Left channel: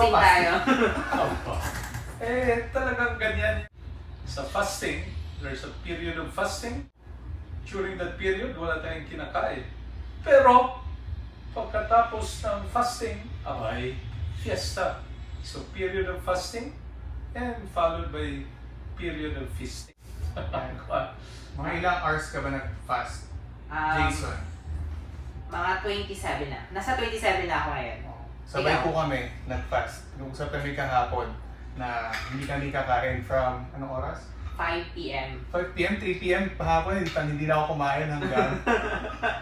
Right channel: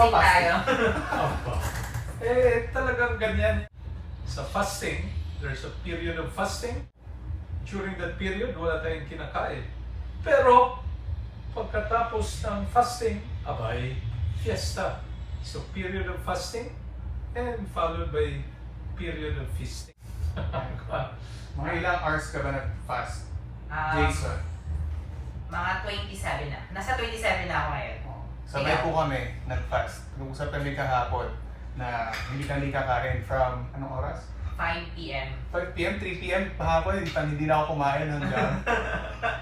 fasting tayo. Opo. Talagang ganyan. Sa fasting, there's a period of fasting. During that period, wala tayong kinakain. Pero, pagkatapos ng fasting, abay, fiesta. So, period of fasting and followed by period of feasting. Mga ilang hours ka ba nag-fast, Jason? Mga 27 na. Nasa 27 na ako ngayon. Sabay po kami nag-fast. Nag-usap kami kahapon na hindi kami kakain from anong oras? 5 p.m. 5 p.m., 3 p.m. Pahapon, hindi na ako kumain hanggang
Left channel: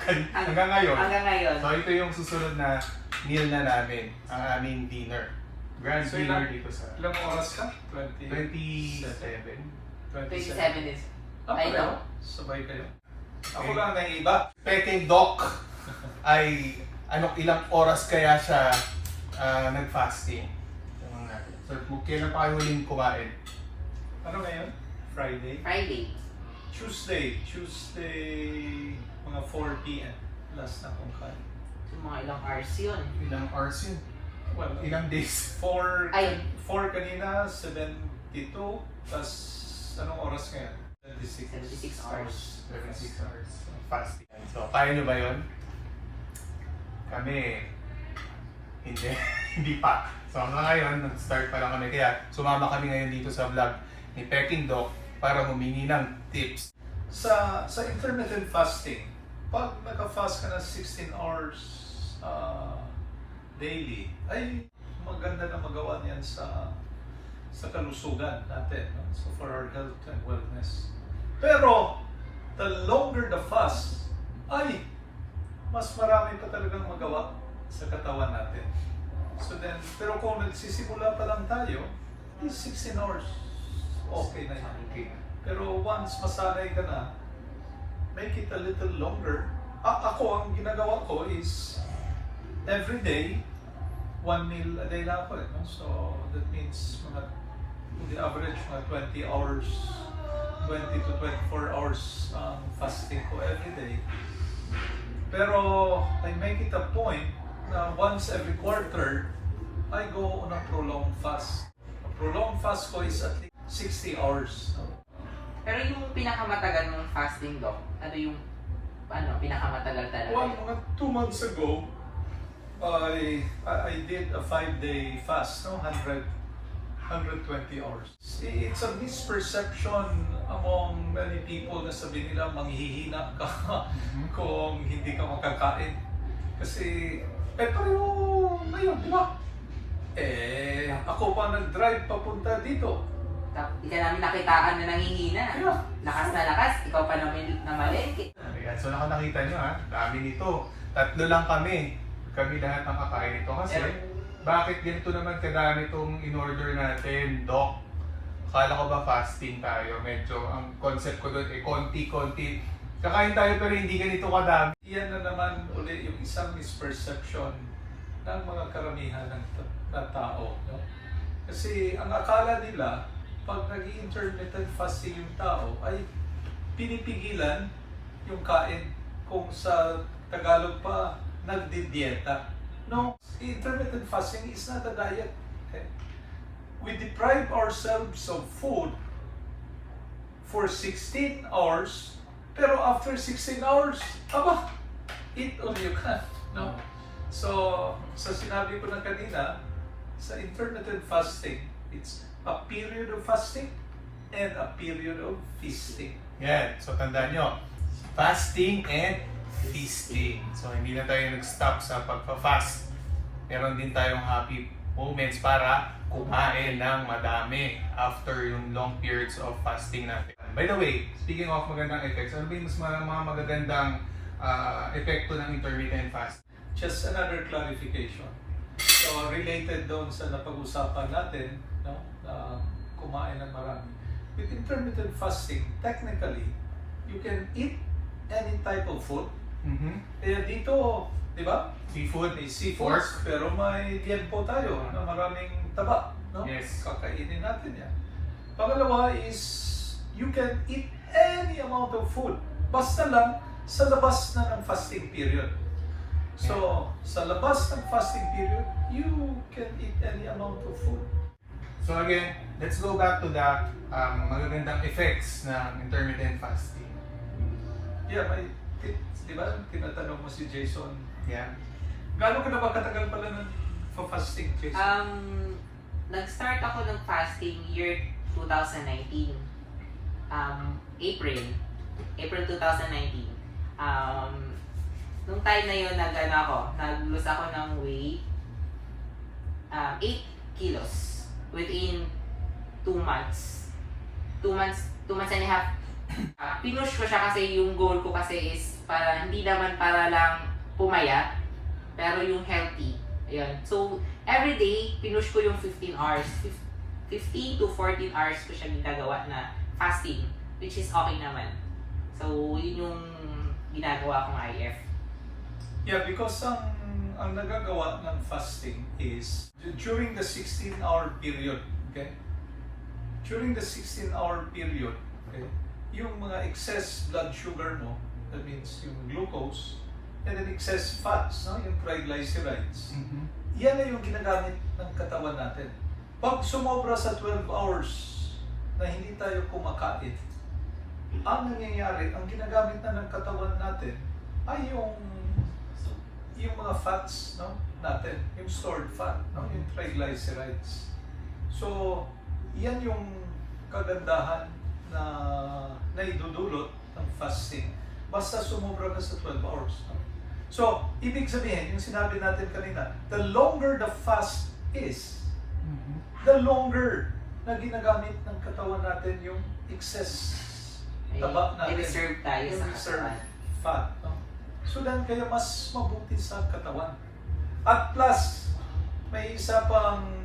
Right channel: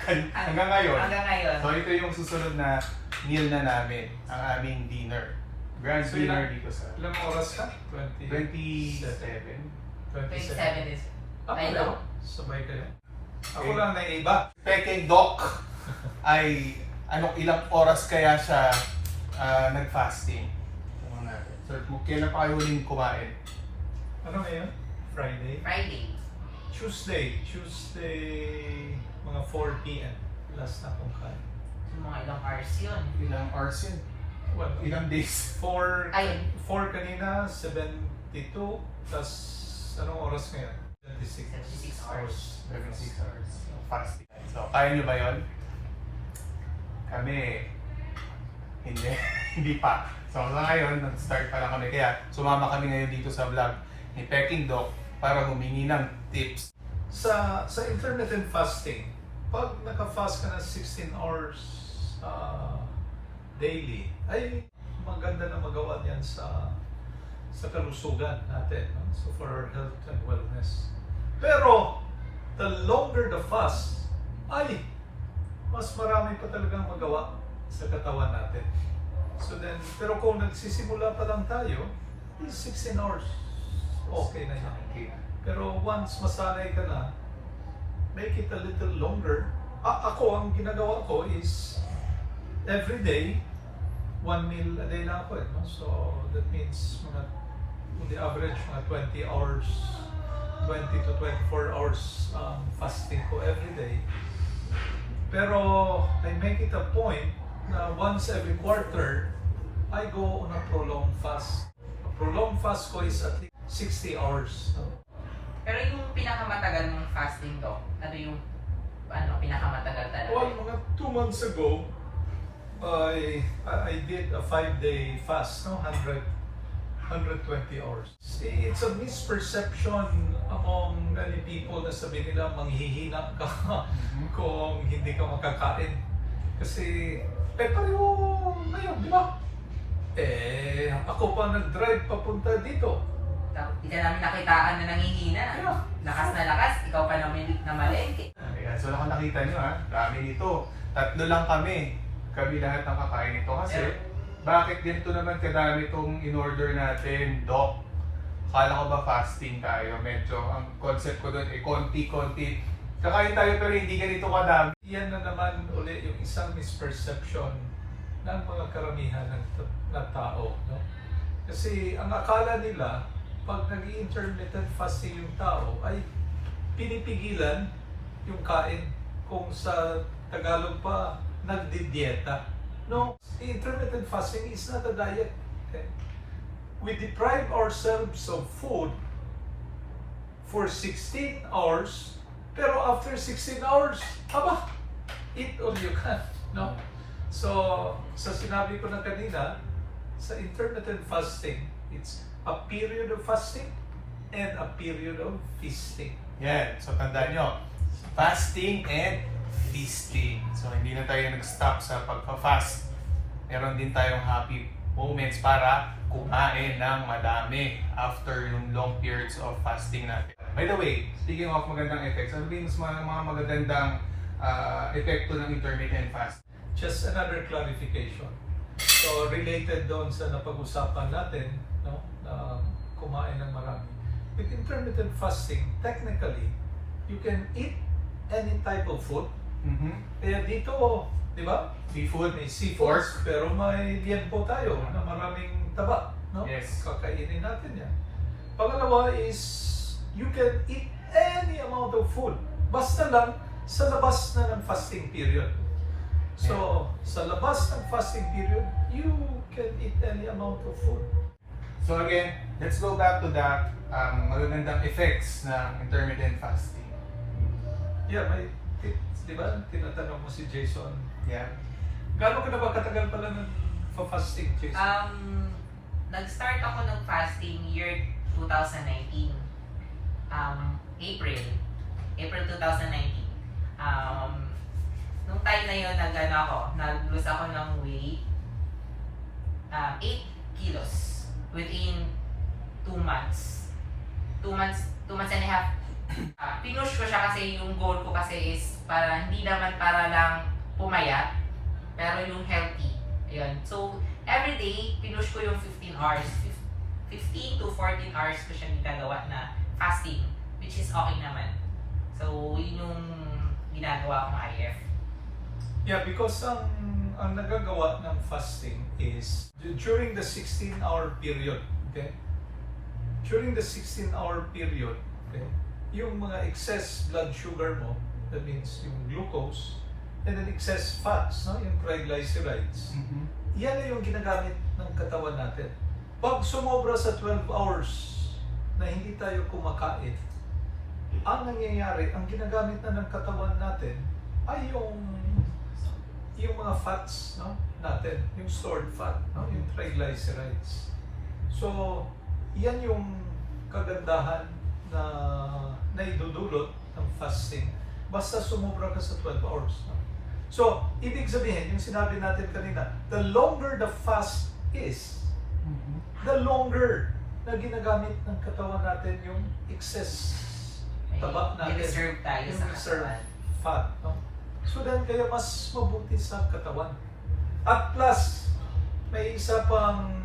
ngayon. Hanggang ngayon. So ito yung susunod na meal na namin, ang aming dinner. Grand So, dinner dito sa Ilang oras ka? 27. 27 is. Ay, Ayun. sabay kayo. Ako lang na iba. Peking Doc ay ilang oras kaya siya nag-fasting. So kailan pa kayo huling kumain? Ano ngayon? Friday? Friday. Tuesday, mga 4 p.m. Last na kong kain. So, mga ilang hours yun. Ilang hours yun? Well, Ilang days? 4 Ay. kanina, 72. Tapos, anong oras ngayon? 76 hours. 36 hours of fasting. So, kaya nyo ba yun? Kami, hindi. Hindi pa. So, ngayon, nag-start pa lang kami. Kaya, sumama kami ngayon dito sa vlog ni Peking Doc para humingi ng tips. Sa intermittent fasting, pag naka-fast ka na 16 hours daily, ay maganda na magawa niyan sa kalusugan natin. No? So for our health and wellness. Pero, the longer the fast, ay mas marami pa talagang magawa sa katawan natin. So then, pero kung nagsisimula pa lang tayo, is 16 hours. Okay na yan. Okay. Pero once masanay ka na, make it a little longer. Ako, ang ginagawa ko is every day, 1 meal a day na ako. No? So that means mga, in the average, mga 20 hours, 20 to 24 hours fasting ko every day. Pero I make it a point na once every quarter, I go on a prolonged fast. A prolonged fast ko is at least 60 hours. So, Pero yung pinakamatagal mong fasting, Doc, ano yung pinakamatagal talaga? well, mga 2 months ago, I did a 5-day fast, no? 120 hours. It's a misperception among many people na sabi nila manghihina ka kung hindi ka makakain. Kasi, pero ngayon, di ba? Ako pa nag-drive papunta dito. Hindi ka namin nakitaan na nangihina. Yeah. Lakas na lakas, ikaw pa namin na maliit. Ayan, so nakita nyo ha, dami nito. 3 lang kami. Kami lahat ng kakain ito. Kasi, bakit ganito naman kadami itong in-order natin, Doc? Akala ko ba fasting tayo? Medyo, ang concept ko doon, konti-konti. Kakain tayo pero hindi ganito kadami. Yan na naman uli yung isang misperception ng mga karamihan ng tao. No? Kasi ang akala nila, pag nag-intermittent fasting yung tao, ay pinipigilan yung kain. Kung sa Tagalog pa, nagdidieta. No, the intermittent fasting is not a diet. Okay? We deprive ourselves of food for 16 hours, pero after 16 hours, eat all you can. No? So, sa sinabi ko na kanina, sa intermittent fasting, it's a period of fasting and a period of feasting. Yan, so tandaan nyo, fasting and feasting. So hindi na tayo nag-stop sa pagpa-fast. Meron din tayong happy moments para kumain ng madami after yung long periods of fasting natin. By the way, speaking of magandang effects, ano ba yung mga magagandang epekto ng intermittent fast? Just another clarification. So, related doon sa napag-usapan natin, no, na kumain ng marami. With intermittent fasting, technically, you can eat any type of food. Kaya dito, di ba? Seafood, May seafood, pork. pero may liempo tayo na maraming taba. No? Yes. Kakainin natin yan. Pangalawa is, you can eat any amount of food. Basta lang, sa labas na ng fasting period. So, sa labas ng fasting period, you can eat any any amount of food. So again, let's go back to the magagandang effects ng intermittent fasting. Yeah, may di ba? Tinatanong mo si Jason. Yan. Gaano ka na ba katagal pala ng fasting, Jason? Nag-start ako ng fasting year 2019. April 2019. Nung time na yun, nag-lose ako ng weight. 8 kilos within 2 months. 2 months and a half. Pinush ko siya kasi yung goal ko kasi is hindi naman para lang pumayat, pero yung healthy. Ayan. So, every day, pinush ko yung 15 hours. 15 to 14 hours ko siya ginagawa na fasting, which is okay naman. So, yun yung ginagawa kong IF. Yeah, because ang nagagawa ng fasting is during the 16-hour period, okay? During the 16-hour period, okay, yung mga excess blood sugar mo, that means yung glucose, and then excess fats, no, yung triglycerides, yan na yung ginagamit ng katawan natin. Pag sumobra sa 12 hours na hindi tayo kumakain, ang nangyayari, ang ginagamit na ng katawan natin ay yung mga fats, no, natin, yung stored fat, no, yung triglycerides. So, yan yung kagandahan na idudulot ng fasting basta sumobra ka sa 12 hours. No? So, ibig sabihin, yung sinabi natin kanina, the longer the fast is, the longer na ginagamit ng katawan natin yung excess taba natin. I-reserve tayo yung sa reserve katawan. fat. No? So, then kaya mas mabuti sa katawan. At plus, may isa pang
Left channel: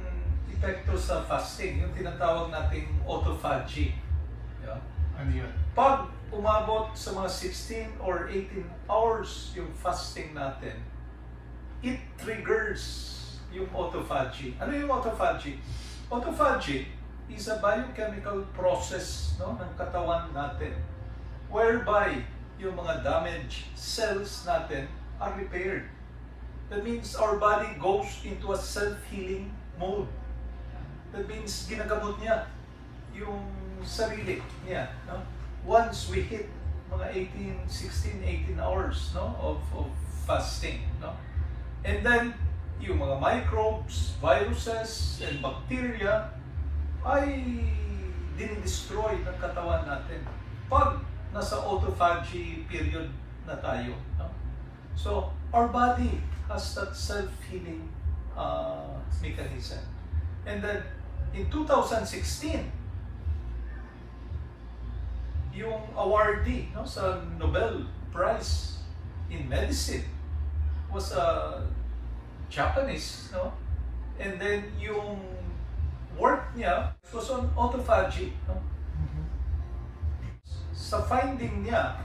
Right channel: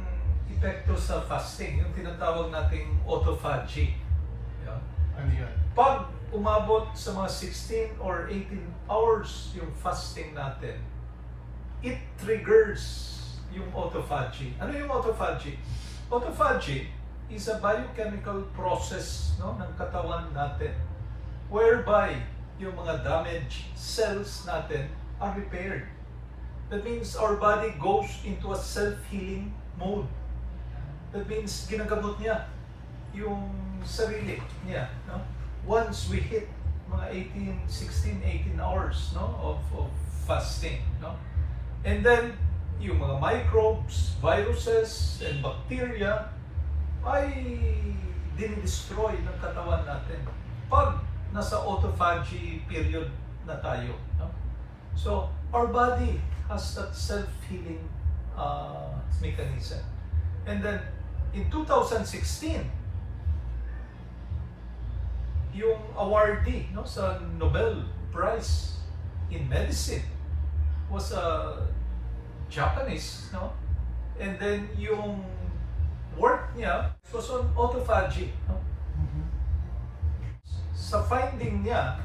epekto sa fasting, yung tinatawag nating autophagy. Yeah. Ano yun? Pag umabot sa mga 16 or 18 hours yung fasting natin, it triggers yung autophagy. Ano yung autophagy? Autophagy is a biochemical process, no, ng katawan natin whereby yung mga damaged cells natin are repaired. That means our body goes into a self-healing mode. That means ginagamot niya yung sarili niya. No? Once we hit mga 16, 18 hours, no, of fasting. No? And then, yung mga microbes, viruses, and bacteria ay dinidestroy ng katawan natin pag nasa autophagy period na tayo. No? So, our body has that self-healing mechanism. And then, in 2016, yung awardee, no, sa Nobel Prize in Medicine was a Japanese, no? And then yung work niya was on autophagy. No? Sa finding niya,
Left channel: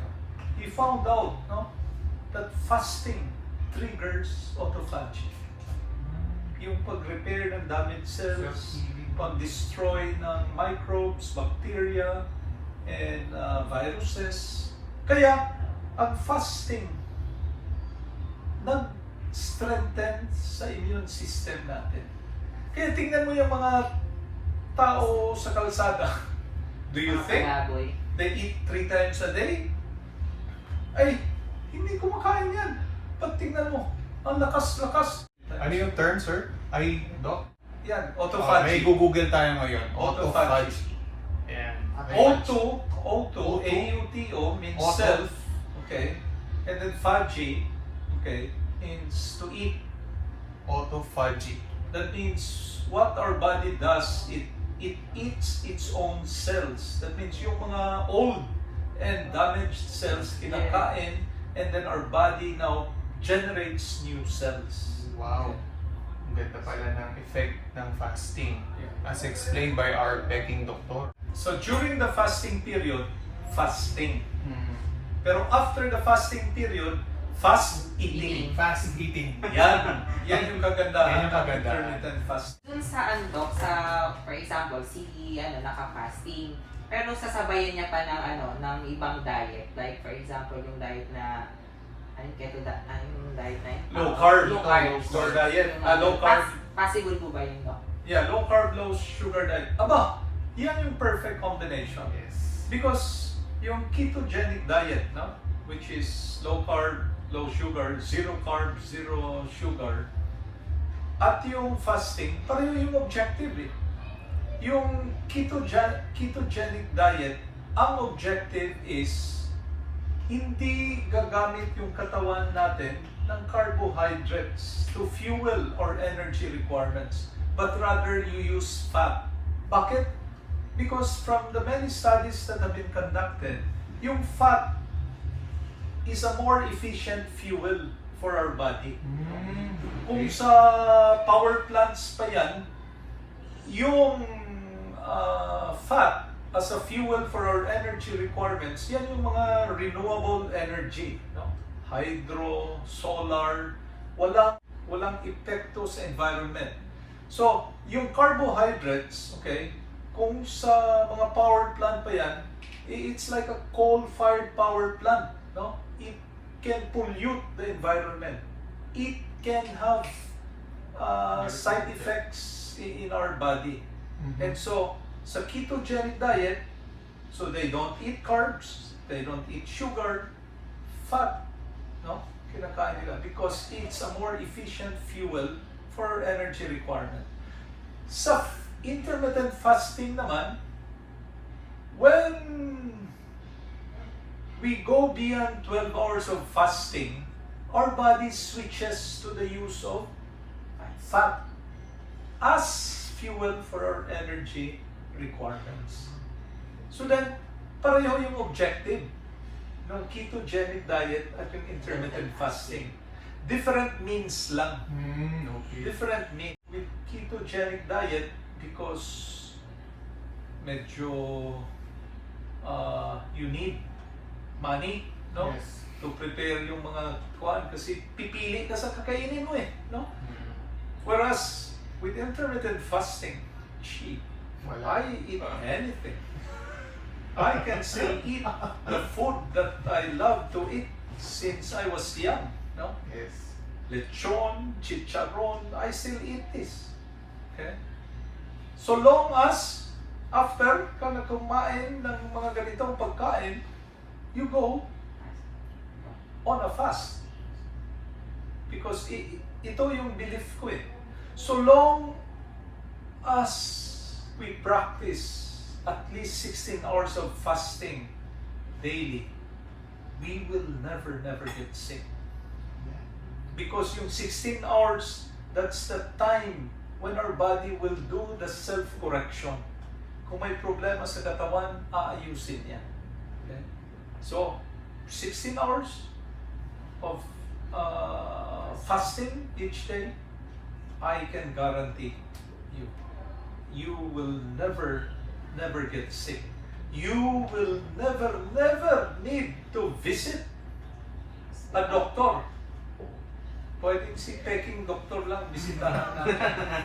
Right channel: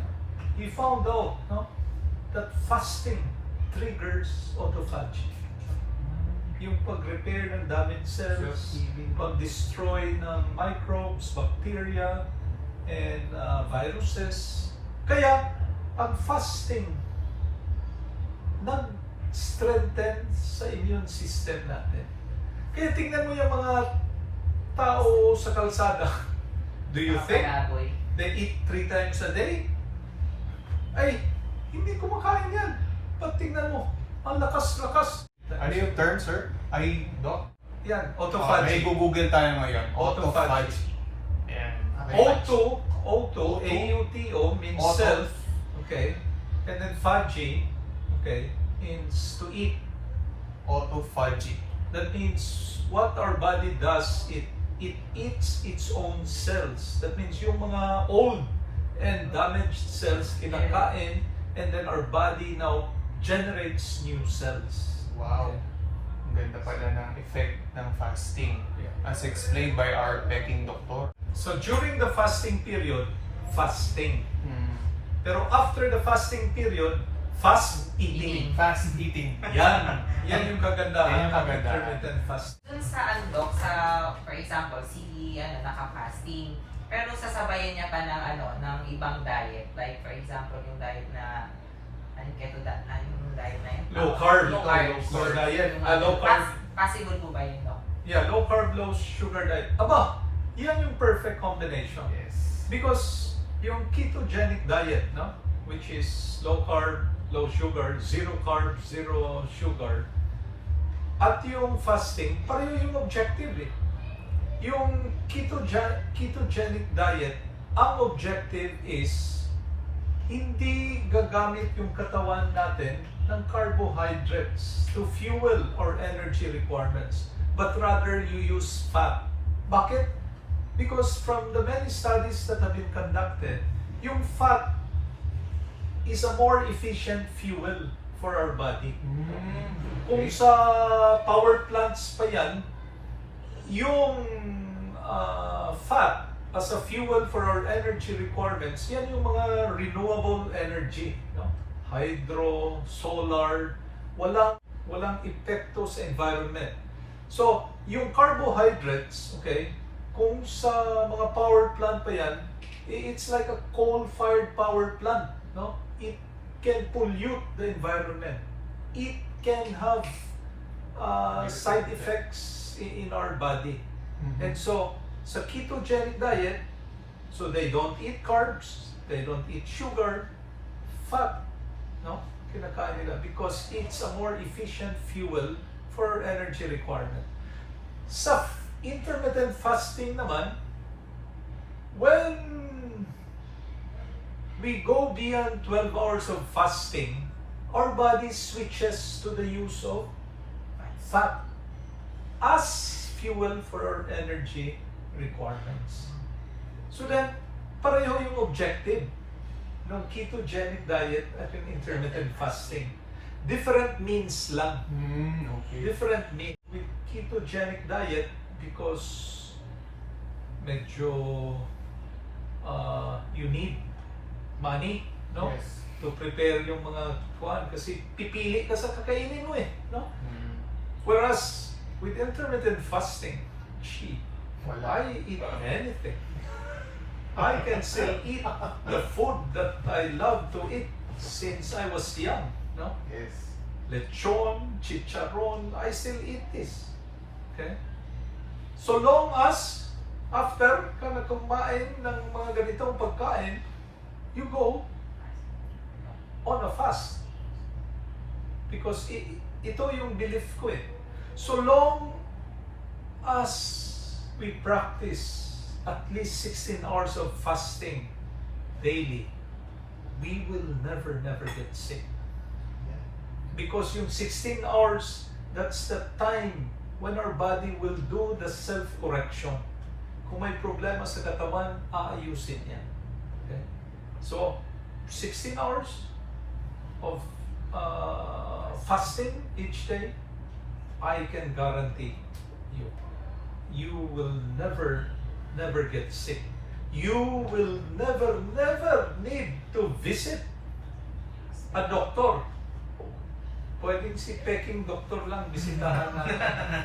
he found out, no, that fasting triggers autophagy. Yung pag-repair ng damaged cells, pag-destroy ng microbes, bacteria, and viruses. Kaya, ang fasting nag-strengthen sa immune system natin. Kaya tingnan mo yung mga tao sa kalsada. Do you think they eat 3 times a day? Ay, hindi kumakain yan. Pag tingnan mo, ang lakas-lakas. Ano yung term, sir? Ay, Doc? Yan, May autophagy. Google tayo ngayon. Autophagy. Ayan. Auto, A-U-T-O means Auto. self, okay? And then phagy, okay, means to eat. Autophagy. That means what our body does, it eats its own cells. That means yung mga old and damaged cells kinakain, and then our body now generates new cells. Wow. Ang ganda pala ng effect ng fasting as explained by our peking doctor. So during the fasting period, fasting. Pero after the fasting period, fast eating. Fast eating. Yan yung kagandahan Yan yung ng kagandahan. intermittent fasting. Dun sa for example, si naka-fasting, pero nung sasabayan niya pa ng ibang diet, like for example, yung diet na yung diet na yun? Low carb. Low carb. Low diet. Yung Low carb. Possible po ba yun, Doc? Yeah, low carb, low sugar diet. Aba, yan yung perfect combination. Yes. Because yung ketogenic diet, no, which is low carb, low sugar, zero carb, zero sugar, at yung fasting, pareho yung objective eh. Yung ketogenic diet, ang objective is hindi gagamit yung katawan natin ng carbohydrates to fuel our energy requirements, but rather you use fat. Bakit? Because from the many studies that have been conducted, yung fat is a more efficient fuel for our body. Kung sa power plants pa yan, yung fat as a fuel for our energy requirements, yan yung mga renewable energy, no? Hydro, solar, walang epekto sa environment. So, yung carbohydrates, okay, kung sa mga power plant pa yan, it's like a coal-fired power plant, no? It can pollute the environment. It can have side effects in our body. And so, sa ketogenic diet, so they don't eat carbs, they don't eat sugar, fat, no? Kinakain nila because it's a more efficient fuel for our energy requirement. Sa intermittent fasting naman, when we go beyond 12 hours of fasting, our body switches to the use of fat as fuel for our energy requirements. So then, pareho yung objective ng ketogenic diet at yung intermittent fasting. Different means lang. Okay. Different means. With ketogenic diet, because medyo you need money, no? Yes. To prepare yung mga kuan kasi pipili ka sa kakainin mo eh, no? Whereas with intermittent fasting, gee, I eat anything. I can still eat the food that I love to eat since I was young, no? Yes. Lechon, chicharon, I still eat this. Okay? So long as after ka na kumain ng mga ganitong pagkain, you go on a fast. Because ito yung belief ko eh. So long as we practice at least 16 hours of fasting daily, we will never get sick. Because yung 16 hours, that's the time when our body will do the self-correction. Kung may problema sa katawan, aayusin yan. Okay? So, 16 hours of fasting each day, I can guarantee you will never get sick. You will never need to visit a doctor. Pwedeng si peking doktor lang bisitahan na.